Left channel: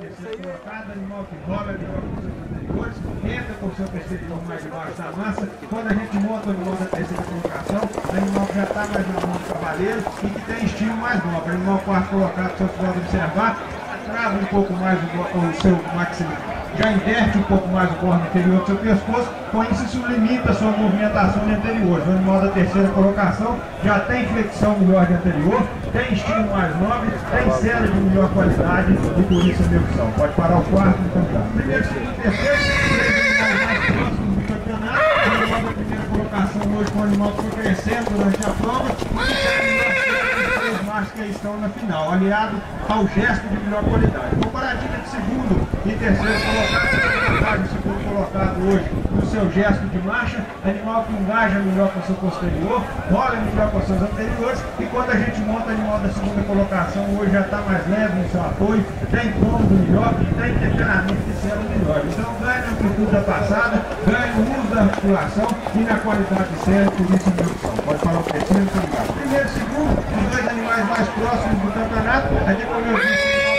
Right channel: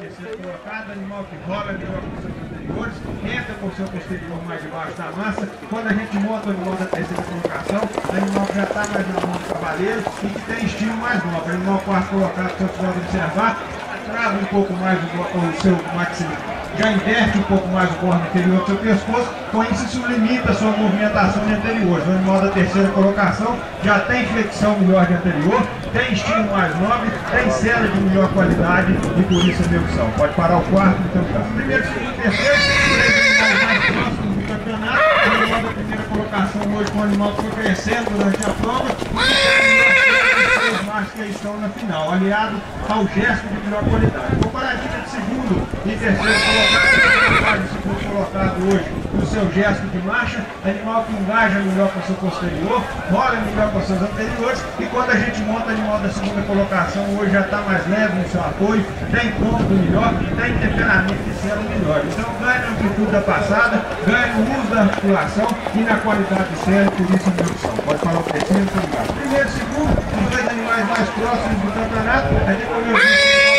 terceiro colocado, animal que rola melhor que os seus anteriores, entra com o seu posterior mais debaixo da massa. Quando a gente monta o animal da terceira colocação, animal que já está mais na mão do cavaleiro e que tem estilo mais nobre. Animal quarto colocado, se eu puder observar, trava um pouco mais o seu maxilar, já inverte um pouco mais o corno inferior do seu pescoço, com isso isso limita a sua movimentação de anteriores. O animal da terceira colocação já tem flexão melhor de anterior, tem estilo mais nobre, tem cela de melhor qualidade e por isso a minha opção. Pode parar o quarto no campeonato. Primeiro, segundo e terceiro, três animais mais próximos do campeonato. O animal da primeira colocação hoje com o animal que foi crescendo durante a prova e machos que estão na final, aliado ao gesto de melhor qualidade. Comparativa de segundo e terceiro colocado, o segundo colocado hoje no seu gesto de marcha, animal que engaja melhor com o seu posterior, rola melhor com os seus anteriores, e quando a gente monta animal da segunda colocação, hoje já está mais leve no seu apoio, tem cômodo melhor, tem temperamento de celo melhor. Então ganha na amplitude da passada, ganha no uso da articulação e na qualidade de celo, por isso a minha opção. Pode falar o terceiro, primeiro, segundo, os dois animais mais próximos do campeonato, aqui como eu disse,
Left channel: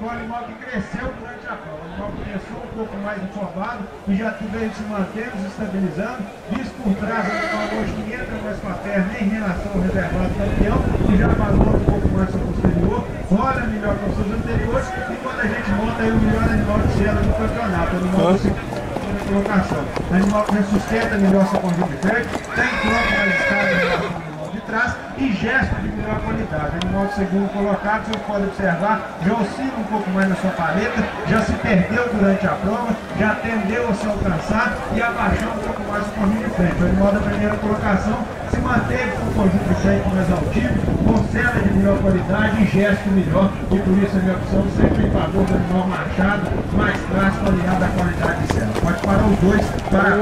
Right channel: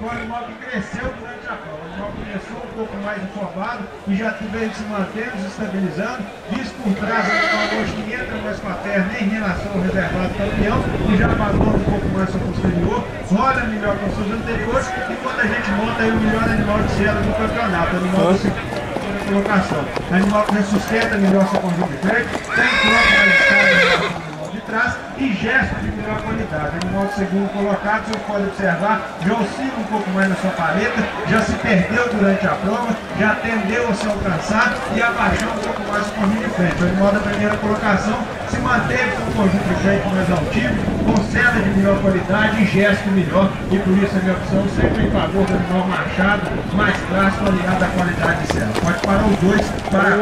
o animal que cresceu durante a prova. O animal começou um pouco mais informado e já veio se mantendo, se estabilizando. Visto por trás, o animal hoje que entra mais com a perna em relação ao reservado campeão e já abandona um pouco mais seu posterior, rola melhor com seus anteriores e quando a gente monta aí o melhor animal de cela do campeonato, o animal da segunda colocação. Animal que sustenta melhor seu conjunto de freio, tem troca mais escada de trás e gesto de melhor qualidade. O animal segundo colocado, vocês podem observar, já oscila um pouco mais na sua paleta, já se perdeu durante a prova, já tendeu a se alcançar e abaixar um pouco mais o conjunto de frente. O animal da primeira colocação se manteve com o conjunto de frente mais altivo, com cela de melhor qualidade e gesto melhor, e por isso a minha opção sempre em favor do animal machado, mais clássico, aliado à qualidade de cela. Pode parar os dois para